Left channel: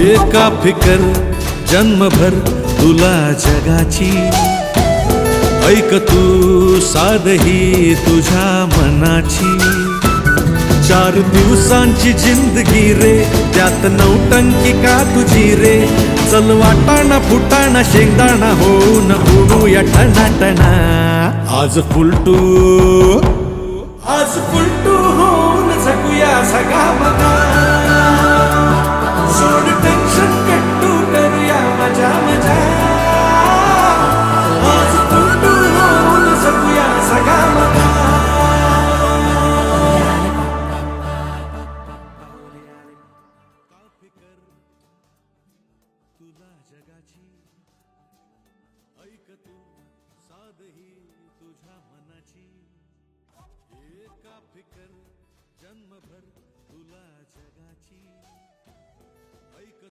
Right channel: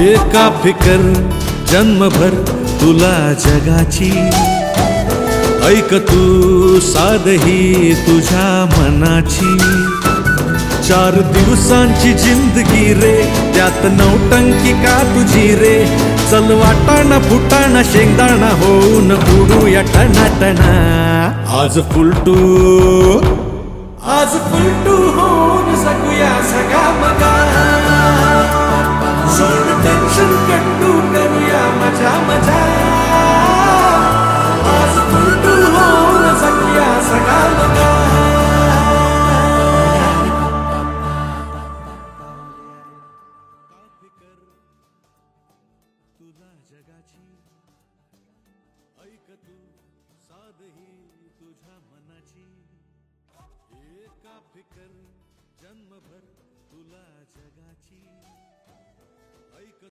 एका फिकर जन्मभर तुला जगाची, ऐक तू साधही तुझ्या मनाची. 4 दिवसांची जिंदगी रे, त्यात नौटंकी का तुझी रे. चल वाटाणा फुटाणा शेंगदाणा होऊन उडूया टनाटना. आज फुलटू होऊन सगूया सगळा मना. सोड टेन्शन कट्टू करूया मजा मजा. आज फुलटू होऊन सगूया सगळा मना. तुला जगाची, ऐक तू साधही तुझ्या मनाची. एका फिकर जन्मभर तुला जगाची, ऐक